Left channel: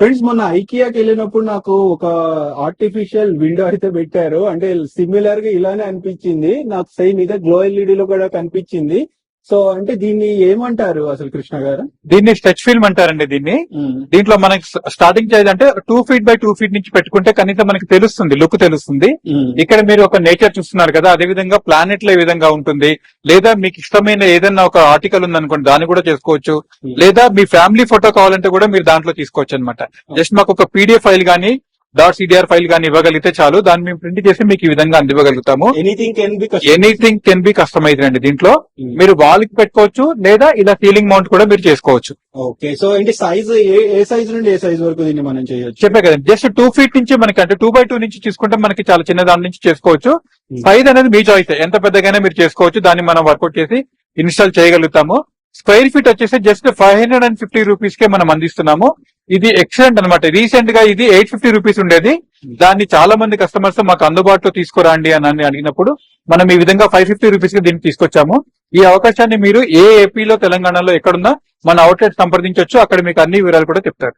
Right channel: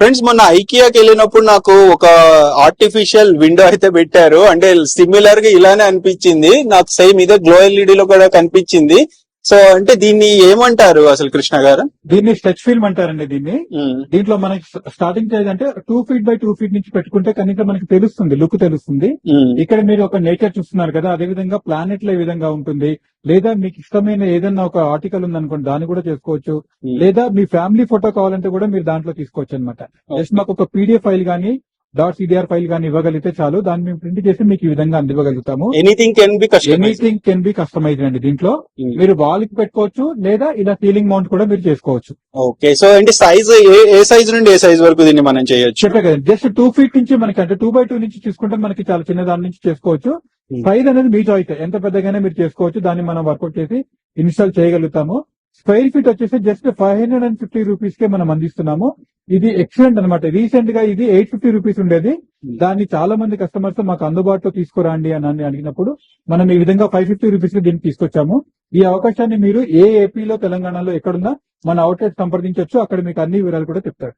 Friends, మొన్న ఐకియాకి వెళ్ళినప్పుడు నాకు ఒక ఆర్టిఫిషియల్ విండో అయితే పెట్టారు. అంటే సిమిలర్ గా ఇలానే అనిపించింది నాకు. సేమ్ ఇదే గ్లో ఎల్ఈడి లో కూడా కనిపించింది. సో అంటే దీన్ని ఏమంటారు అసలు కృష్ణ గారు? దీన్ని స్టచ్ ఫిల్మ్ అంటారండి. దీంట్లో మనకి స్టార్టింగ్ సైజ్ అంటే 2 feet by 2 feet నుంచి పెట్టుకుంటే కనీసం మనకి తెలుస్తుంది, లుక్ తెలుస్తుంది. ఇక్కడ మీరు ఒక నేచర్ చూస్తున్నారు కదా, అదే విధంగా ప్లానెట్ లో ఏ విధంగా ఉంటుంది, లేదా మీకు ఇష్టమైన ఏదైనా ఒక ఆర్టికల్ ఉందనుకోండి దాన్ని కూడా చేసుకోవచ్చు, లేదా మీ ఫ్యామిలీ ఫోటో కావాలంటే కూడా మీరు దాంట్లో తీసుకోవచ్చు అనమాట. జస్ట్ మాకు ఒక పీడిఎఫ్ ఫైల్ గానీ .cdr ఫైల్ గానీ ఇవ్వగలిగితే చాలు, దాన్ని మేము ప్రింట్ చేసి మీకు ఈ విధంగా అందివ్వగలుగుతాము. ఎనీథింగ్ కెన్ బి కస్టమైజ్డ్ అండి. దీంట్లో మీరు వాల్ కి పెట్టుకోవచ్చు, లేదా ఇలా సీలింగ్ మౌంట్ కూడా మీరు చేసుకోవచ్చు. ఓకే, సో అంటే సైజ్ ఏ సైజ్ నుండి ఏ సైజ్ వరకు దీన్ని మనం చేయొచ్చు? చెప్పే కదండి, జస్ట్ 2 feet నుంచి మనకి అంటే 2 by 2 నుంచి తీసుకుంటే మనకి చాలా చిన్న దాని నుంచి చేసుకోవచ్చు. సైజ్ అనేది మీ చాయిస్, ఎంత పెద్దగానే మీరు చేసుకోవచ్చు. దాన్ని మనం వర్కౌట్ చేసి ఇన్స్టాల్ చేయగలుగుతాము. స్క్వేర్ ఫీట్ వచ్చేసి జస్ట్ 550 రూపీస్ కే మనం అందిస్తున్నాము. ఇది ఎక్సలెంట్ అనమాట. రీసెంట్ గా ఇది 850 రూపీస్ ఉండేది. దాన్ని చాలా మంది కస్టమర్స్ మాకు అందుబాటులో తీసుకురండి అని అడిగినప్పుడు మనం ఈ విధంగా 550 రూపీస్ కి దీన్ని తీసుకొచ్చాము. ఈ అవకాశాన్ని మీరు ఏపీలో తెలంగాణలో ఎక్కడున్నా మన అవుట్లెట్ సంప్రదించవచ్చు. అక్కడ మీకు అన్ని వివరాలు కూడా చెప్తారు.